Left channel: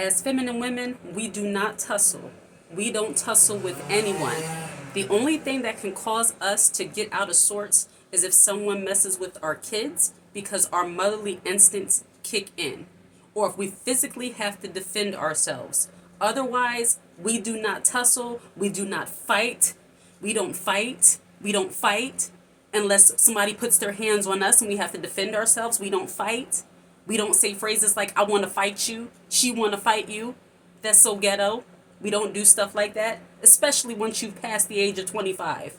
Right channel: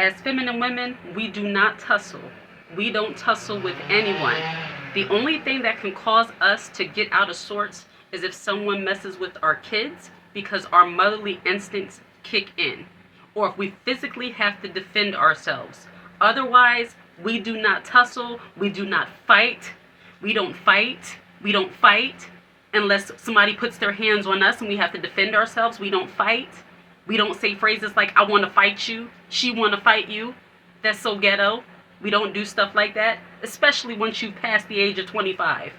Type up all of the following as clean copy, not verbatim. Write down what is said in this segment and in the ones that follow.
As feminine women, we do not tussle. We don't tussle with anyone. The only thing that can cause us to get out of sorts is if someone messes with our kids because our motherly instincts kick in, or if we physically have to defend ourselves. Otherwise, we do not tussle, we do not fight, we don't fight, we don't fight unless somebody puts their hands on us and we have to defend ourselves. We don't fight. We don't say phrases like, I want to fight you, she want to fight you. That's so ghetto. We don't do stuff like that, especially once you've passed the age of 25.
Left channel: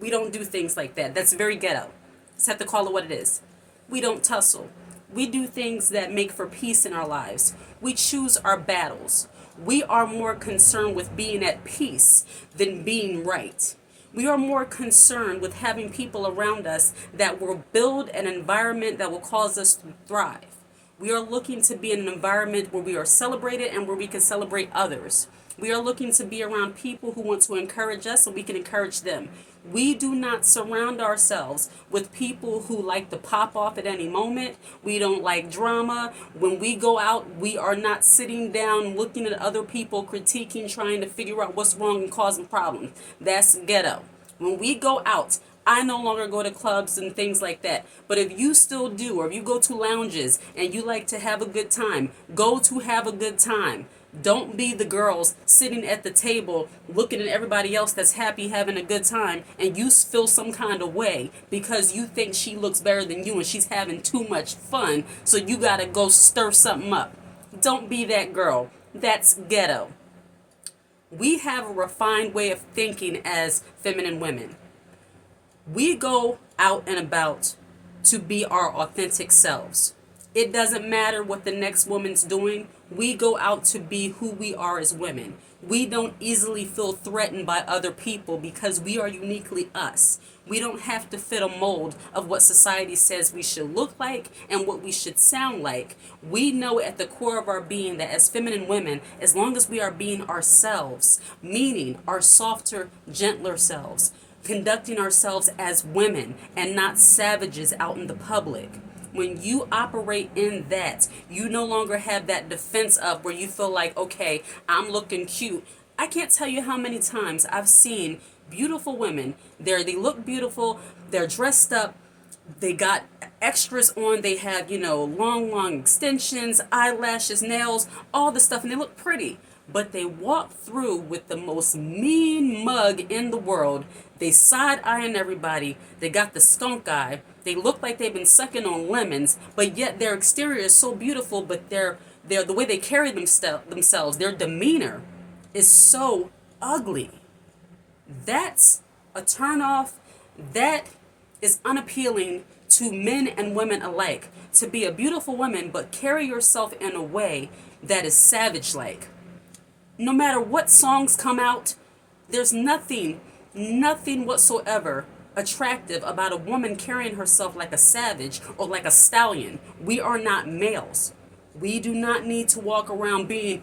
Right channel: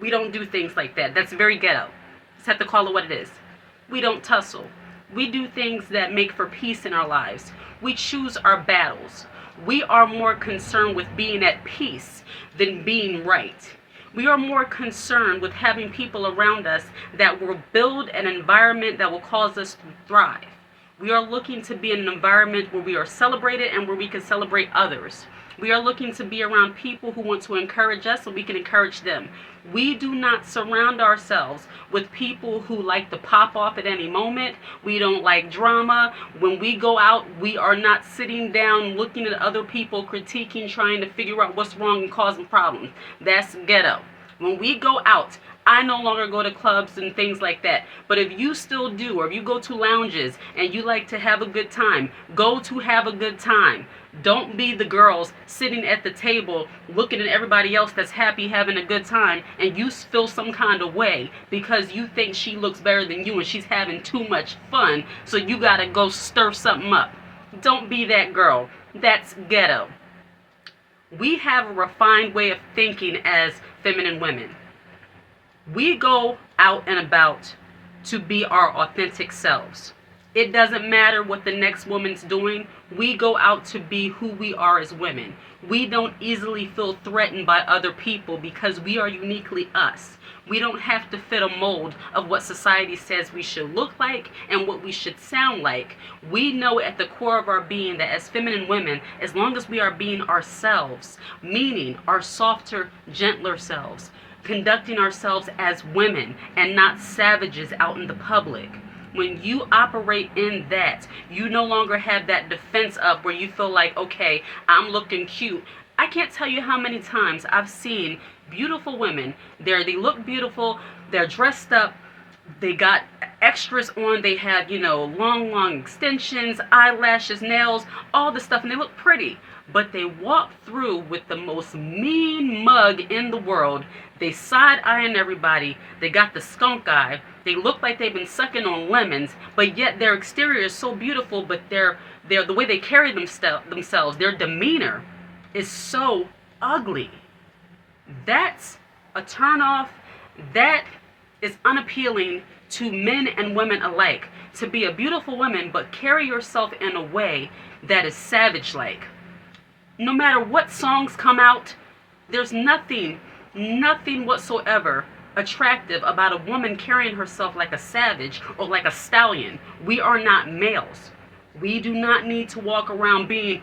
We don't do things like that. That's very ghetto. Just have to call it what it is. We don't tussle. We do things that make for peace in our lives. We choose our battles. We are more concerned with being at peace than being right. We are more concerned with having people around us that will build an environment that will cause us to thrive. We are looking to be in an environment where we are celebrated and where we can celebrate others. We are looking to be around people who want to encourage us so we can encourage them. We do not surround ourselves with people who like to pop off at any moment. We don't like drama. When we go out, we are not sitting down looking at other people, critiquing, trying to figure out what's wrong and causing problems. That's ghetto. When we go out, I no longer go to clubs and things like that. But if you still do, or if you go to lounges and you like to have a good time, go to have a good time. Don't be the girls sitting at the table looking at everybody else that's happy having a good time and you feel some kind of way because you think she looks better than you and she's having too much fun, so you gotta go stir something up. Don't be that girl. That's ghetto. We have a refined way of thinking as feminine women. We go out and about to be our authentic selves. It doesn't matter what the next woman's doing. We go out to be who we are as women. We don't easily feel threatened by other people because we are uniquely us. We don't have to fit a mold of what society says we should look like and what we should sound like. We know at the core of our being that as feminine women, as long as we are being ourselves, meaning our softer, gentler selves, conducting ourselves as women and not savages out in the public. When you operate in that, you no longer have that defense up where you feel like, okay, I'm looking cute. I can't tell you how many times I've seen beautiful women. They look beautiful, they're dressed up, they got extras on, they have, long extensions, eyelashes, nails, all the stuff, and they look pretty. But they walk through with the most mean mug in the world. They side-eyeing everybody. They got the skunk eye. They look like they've been sucking on lemons, but yet their exterior is so beautiful, but they're the way they carry themselves, their demeanor is so ugly. That's a turnoff. That is unappealing to men and women alike. To be a beautiful woman, but carry yourself in a way that is savage-like. No matter what songs come out, there's nothing whatsoever attractive about a woman carrying herself like a savage or like a stallion. We are not males. We do not need to walk around being,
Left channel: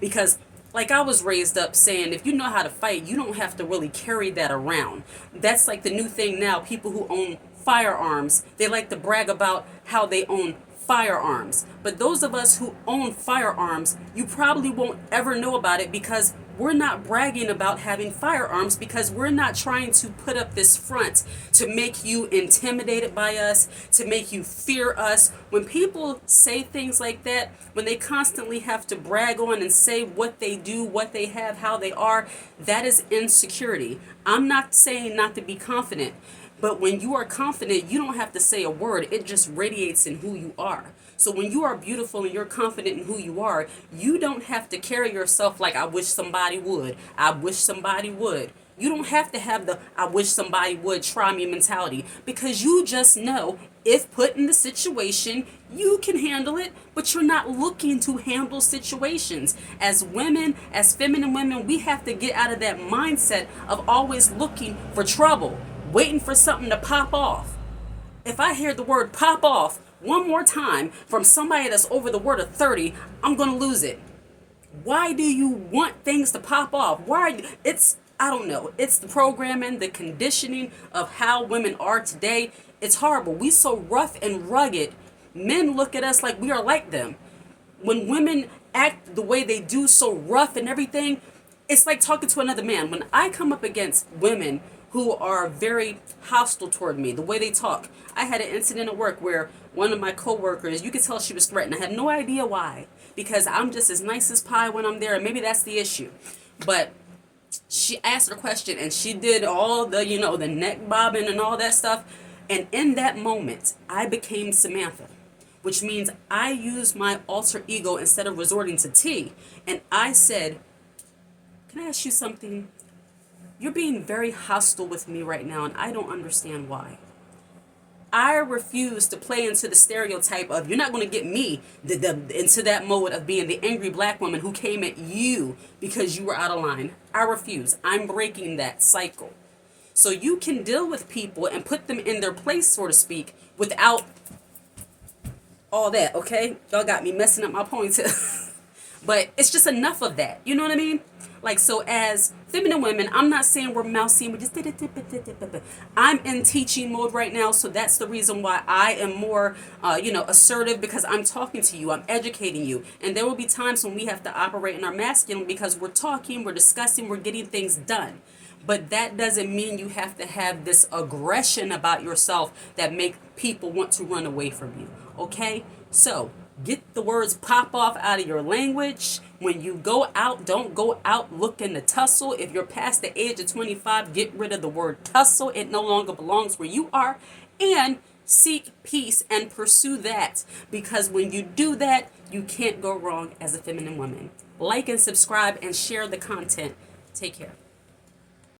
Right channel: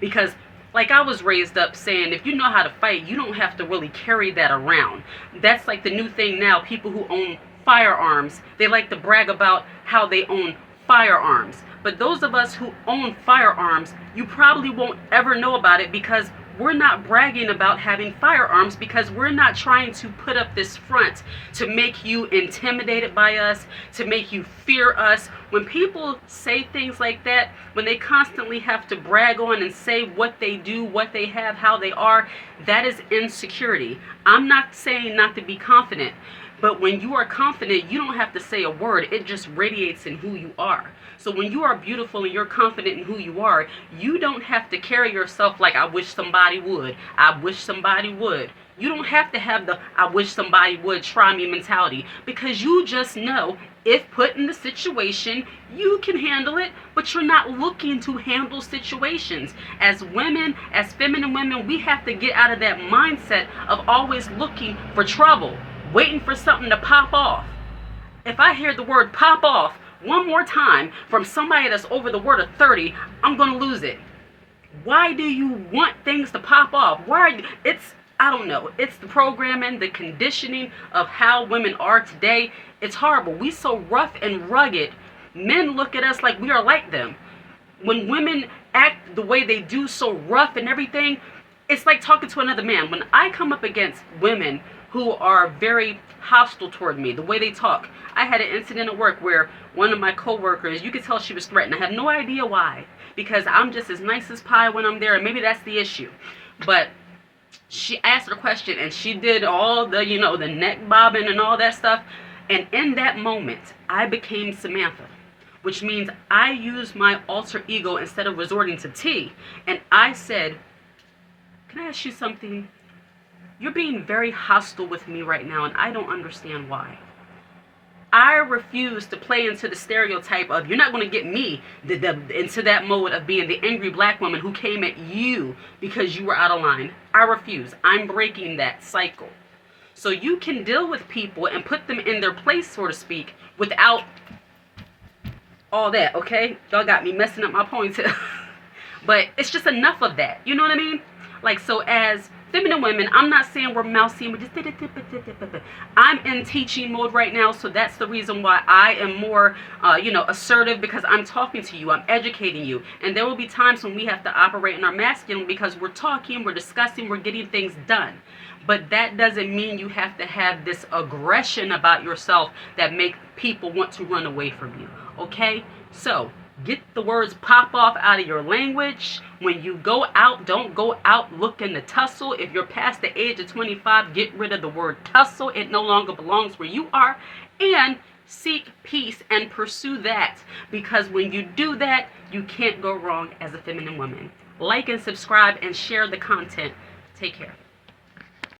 because like I was raised up saying, if you know how to fight, you don't have to really carry that around. That's like the new thing now. People who own firearms, they like to brag about how they own firearms. But those of us who own firearms, you probably won't ever know about it because we're not bragging about having firearms, because we're not trying to put up this front to make you intimidated by us, to make you fear us. When people say things like that, when they constantly have to brag on and say what they do, what they have, how they are, that is insecurity. I'm not saying not to be confident, but when you are confident, you don't have to say a word. It just radiates in who you are. So when you are beautiful and you're confident in who you are, you don't have to carry yourself like, I wish somebody would. I wish somebody would. You don't have to have the I wish somebody would try me mentality, because you just know if put in the situation, you can handle it, but you're not looking to handle situations. As women, as feminine women, we have to get out of that mindset of always looking for trouble, waiting for something to pop off. If I hear the word pop off one more time from somebody that's over the word of 30, I'm going to lose it. Why do you want things to pop off? I don't know. It's the programming, the conditioning of how women are today. It's horrible. We so rough and rugged. Men look at us like we are like them. When women act the way they do, so rough and everything, it's like talking to another man. When I come up against women who are very hostile toward me, the way they talk. I had an incident at work where one of my coworkers, you could tell she was threatened. I have no idea why, because I'm just as nice as pie when I'm there, and maybe that's the issue. But she asked her question, and she did all the, the neck bobbing and all that stuff. And in that moment, I became Samantha, which means I used my alter ego instead of resorting to T. And I said, can I ask you something? You're being very hostile with me right now, and I don't understand why. I refuse to play into the stereotype of you're not going to get me into that mode of being the angry black woman who came at you because you were out of line. I refuse. I'm breaking that cycle. So you can deal with people and put them in their place, so to speak, without all that, okay? Y'all got me messing up my ponytail. But it's just enough of that. You know what I mean? Like, so as feminine women, I'm not saying we're mousy and we're just... I'm in teaching mode right now, so that's the reason why I am more, assertive, because I'm talking to you, I'm educating you. And there will be times when we have to operate in our masculine because we're talking, we're discussing, we're getting things done. But that doesn't mean you have to have this aggression about yourself that make people want to run away from you, okay? So get the words pop off out of your language. When you go out, don't go out looking to tussle. If you're past the age of 25, get rid of the word tussle. It no longer belongs where you are. And seek peace and pursue that. Because when you do that, you can't go wrong as a feminine woman. Like and subscribe and share the content. Take care.